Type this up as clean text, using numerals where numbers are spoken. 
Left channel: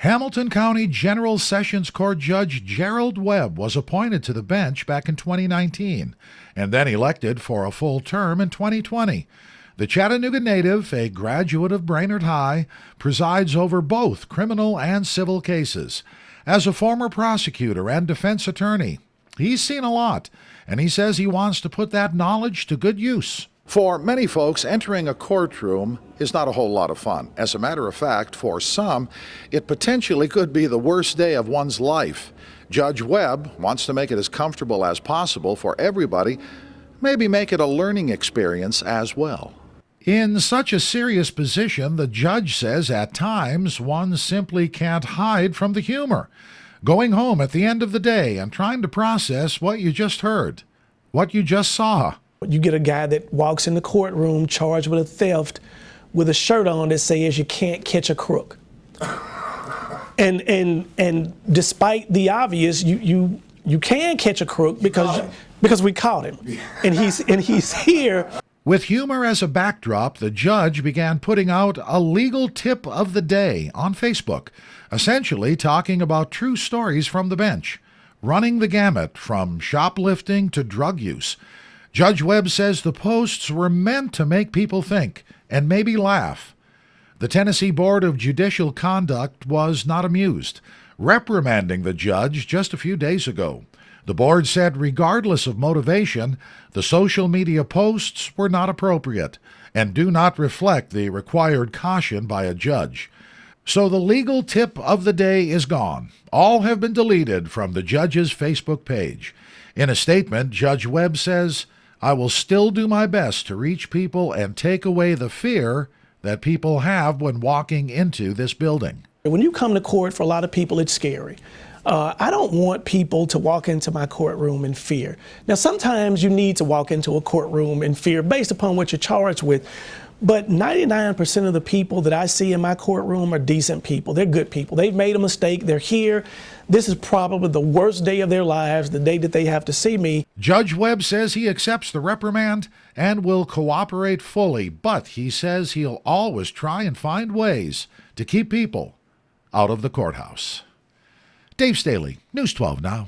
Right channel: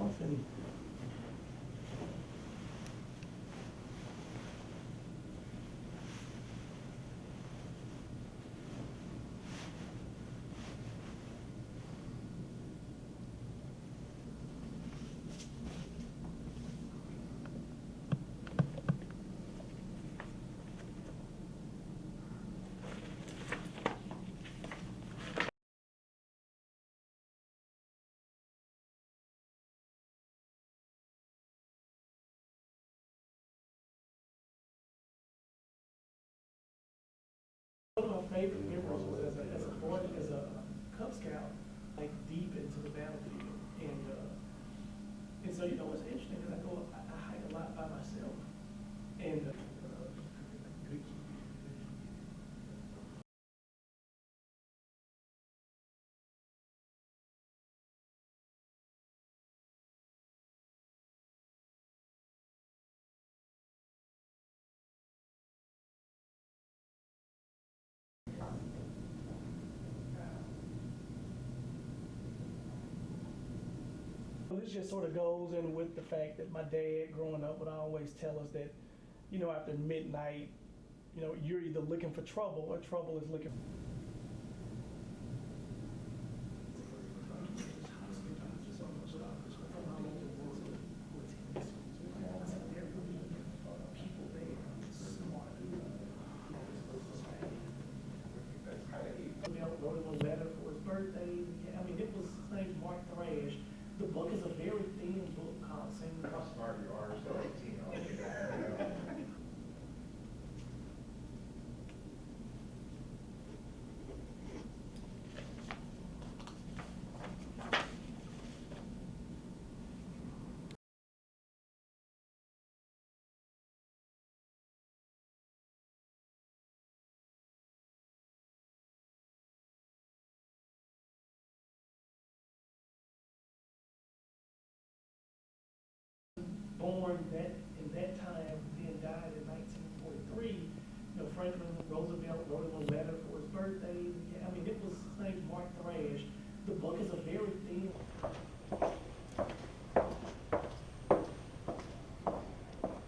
Hamilton County General Sessions Court Judge Gerald Webb was appointed to the bench back in 2019 and then elected for a full term in 2020. The Chattanooga native, a graduate of Brainerd High, presides over both criminal and civil cases. As a former prosecutor and defense attorney, he's seen a lot, and he says he wants to put that knowledge to good use. For many folks, entering a courtroom is not a whole lot of fun. As a matter of fact, for some, it potentially could be the worst day of one's life. Judge Webb wants to make it as comfortable as possible for everybody, maybe make it a learning experience as well. In such a serious position, the judge says at times one simply can't hide from the humor. Going home at the end of the day and trying to process what you just heard, what you just saw. You get a guy that walks in the courtroom charged with a theft with a shirt on that says you can't catch a crook. And despite the obvious, you can catch a crook because we caught him. And he's here. With humor as a backdrop, the judge began putting out a legal tip of the day on Facebook, essentially talking about true stories from the bench, running the gamut from shoplifting to drug use. Judge Webb says the posts were meant to make people think and maybe laugh. The Tennessee Board of Judicial Conduct was not amused, reprimanding the judge just a few days ago. The board said regardless of motivation, the social media posts were not appropriate and do not reflect the required caution by a judge. So the legal tip of the day is gone. All have been deleted from the judge's Facebook page. In a statement, Judge Webb says, "I will still do my best to reach people and take away the fear that people have when walking into this building." When you come to court, for a lot of people, it's scary. I don't want people to walk into my courtroom in fear. Now, sometimes you need to walk into a courtroom in fear based upon what you're charged with, but 99% of the people that I see in my courtroom are decent people. They're good people. They've made a mistake. They're here. This is probably the worst day of their lives, the day that they have to see me. Judge Webb says he accepts the reprimand and will cooperate fully, but he says he'll always try and find ways to keep people out of the courthouse. Dave Staley, News 12 Now.